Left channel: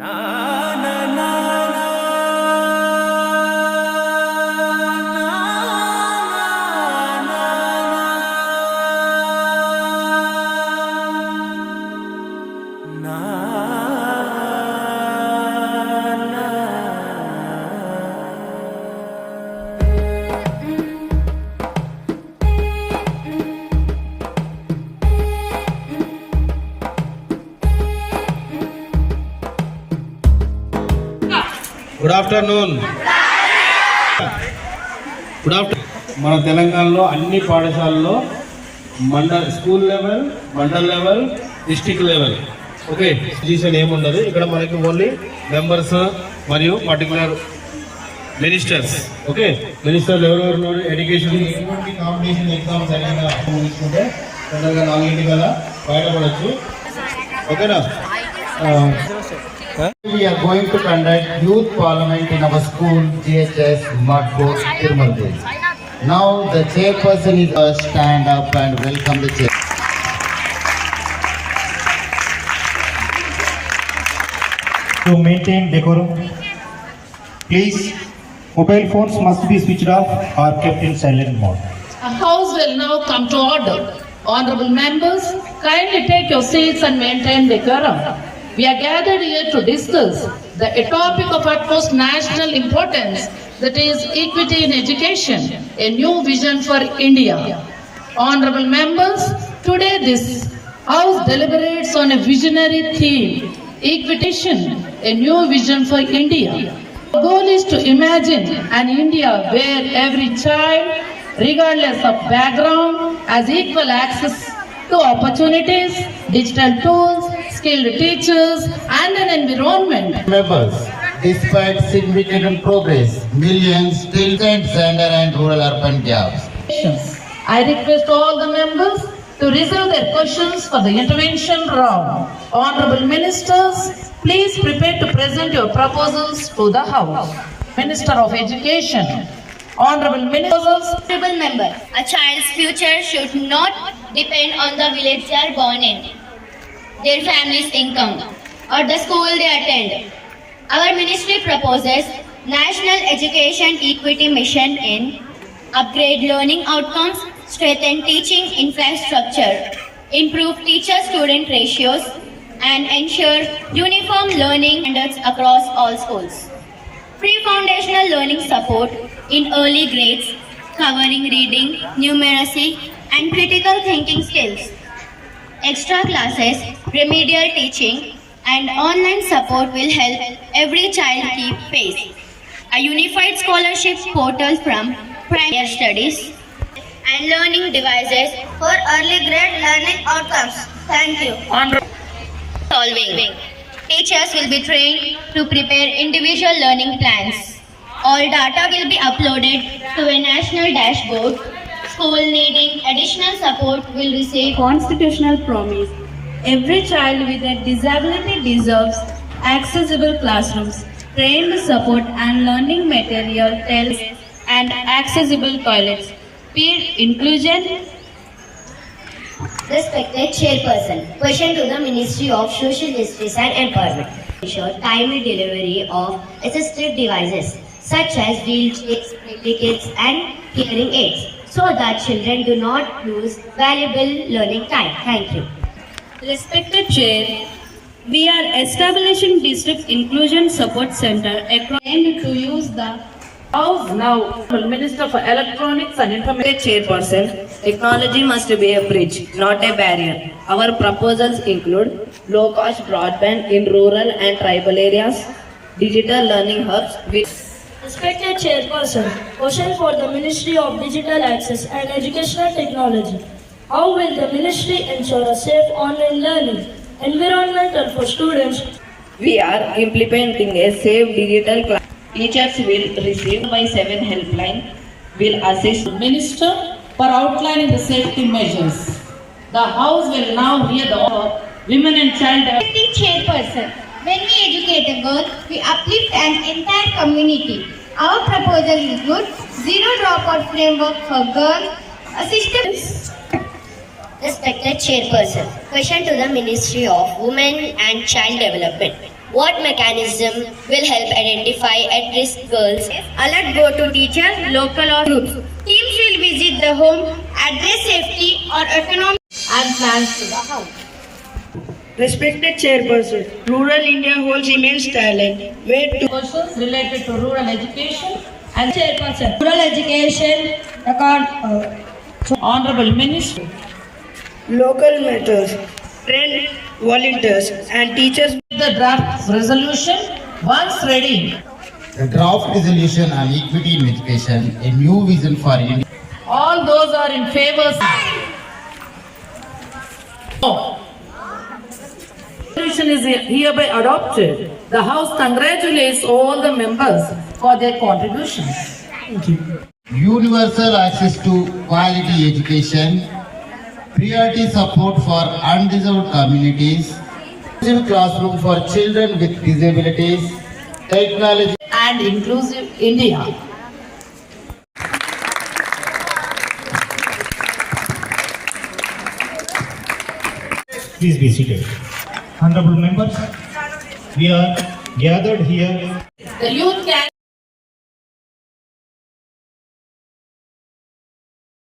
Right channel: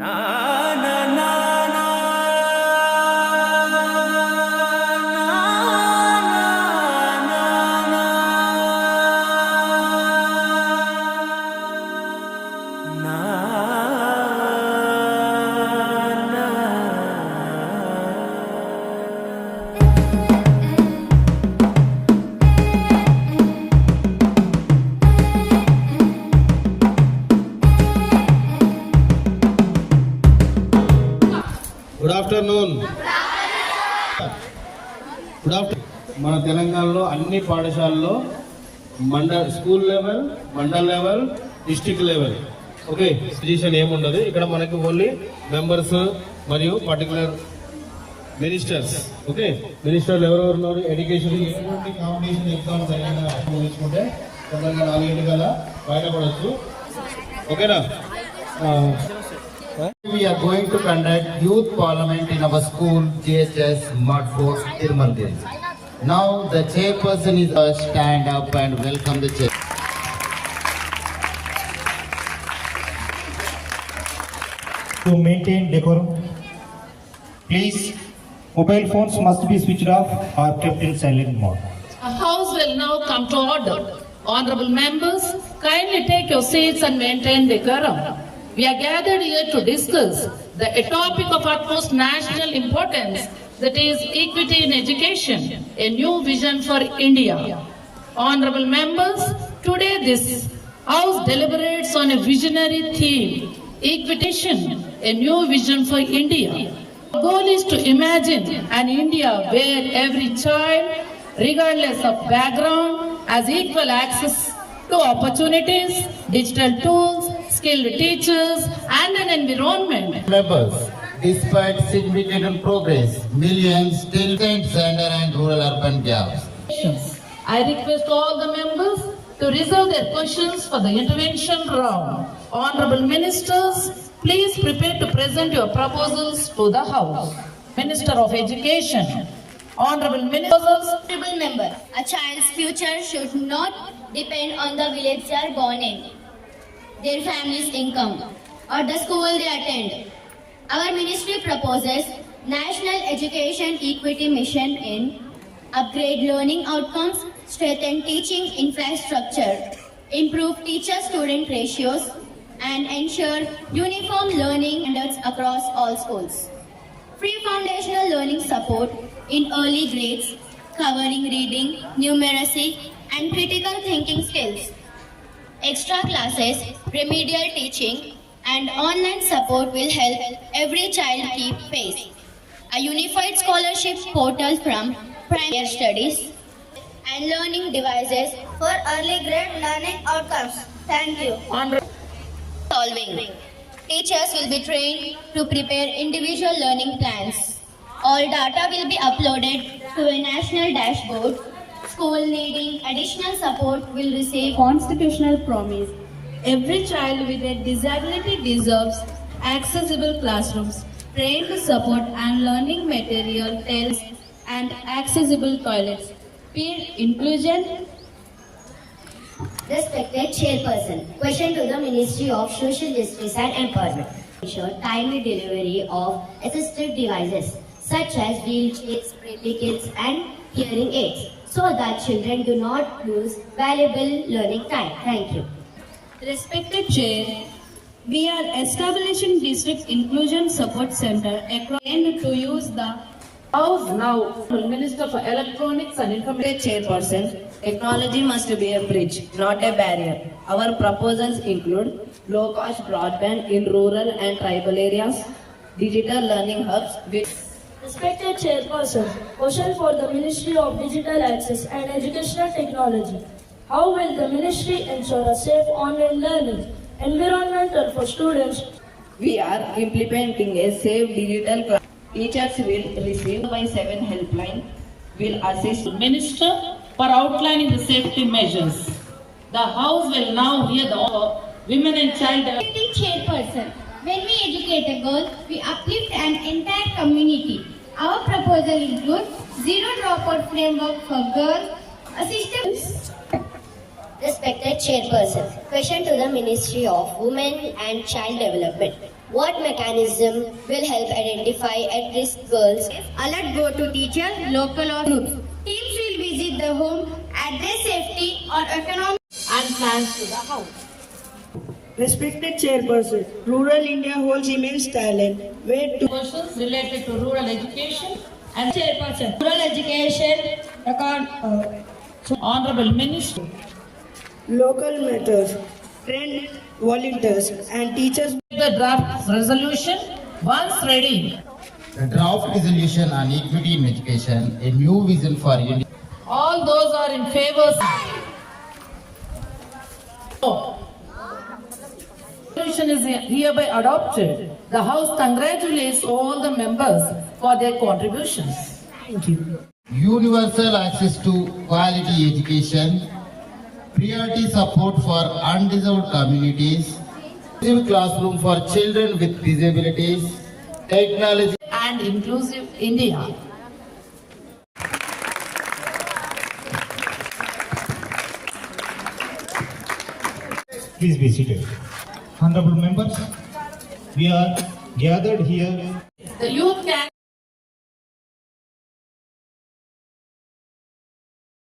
Good afternoon. మన తెలంగాణలో అన్ని పాఠశాలలో school level, mandal level, district level okay position ఏముండదు. ఇక్కడ మనకి ఓన్లీ మెంబర్స్ మరియు పర్టికులర్ మినిస్టర్స్ ఓకే మినిస్టర్లు ఎవరెవరు ఎడ్యుకేషన్ కాంపిటీషన్ ఎగ్జామ్స్ అనేగా తీసుకుంటే తొందరగా 4 కల్లా బయటపడవచ్చు ఓకేనా. We are going to conduct youth parliament in our school GHS Madfort Tirumala. Now the chairperson is stand up and welcome the chair. To maintain decorum, please mobile phones must be switched off or kept in silent mode. A house will now come to order. Honorable members, kindly take your seats and maintain decorum. We are gathered here to discuss a topic of utmost national importance, that is equity in education, a new vision for India. Honorable members, today this House deliberates on a visionary theme, equitation, a new vision for India. The goal is to imagine an India where every child, regardless of background, has equal access to opportunities, digital tools, skilled teachers, and an environment. Members, despite significant progress, millions still stand gender and rural urban gaps. I request all the members to reserve their questions for the intervention round. Honorable ministers, please prepare to present your proposals to the House. Minister of Education. Honorable ministers. Honorable member, a child's future should not depend on the village they are born in, their family's income, or the school they attend. Our ministry proposes National Education Equity Mission in upgrade learning outcomes, strengthen teaching infrastructure, improve teacher-student ratios, and ensure uniform learning standards across all schools. Free foundational learning support in early grades, covering reading, numeracy, and critical thinking skills. Extra classes, remedial teaching, and online support will help every child keep pace. A unified scholarship portal from primary studies and learning devices for early grade learning outcomes. Thank you. Solving. Teachers will be trained to prepare individual learning plans. All data will be uploaded to a national dashboard. School needing additional support will receive constitutional promise. Every child with a disability deserves accessible classrooms, trained support and learning material, and accessible toilets. Peer inclusion. Respected Chairperson, question to the Ministry of Social Justice and Empowerment. Ensure timely delivery of assistive devices such as wheelchairs, kits, and hearing aids, so that children do not lose valuable learning time. Thank you. Respected Chair, we are establishing District Inclusion Support Center across to use the House now. Minister for Electronics and Information. Chairperson, technology must be a bridge, not a barrier. Our proposals include low-cost broadband in rural and tribal areas, digital learning hubs with Respected Chairperson, question for the Ministry of Digital Access and Educational Technology. How will the Ministry ensure a safe online learning environment for students? We are implementing a safe digital class. Teachers will receive by 7 helpline, will assist Minister for outlining the safety measures. The House will now hear the women and child. Chairperson, when we educate a girl, we uplift an entire community. Our proposal includes zero dropout framework for girls, assistance. Respected Chairperson, question to the Ministry of Women and Child Development. What mechanism will help identify at-risk girls? Alert go to teacher, local or groups. Teams will visit the home, address safety or economic. And plans to the house. Respected Chairperson, rural India holds immense talent. Where to Questions related to rural education and Chairperson. Rural education, Honorable Minister. local matters, train volunteers and teachers. The draft resolution once ready. The draft resolution on equity in education, a new vision for India. All those are in favor. No. Resolution is hereby adopted. The House congratulates all the members for their contribution. Universal access to quality education, priority support for undeserved communities, inclusive classroom for children with disabilities, technology. And inclusive India. Please be seated. Honorable members, we are gathered here. The youth can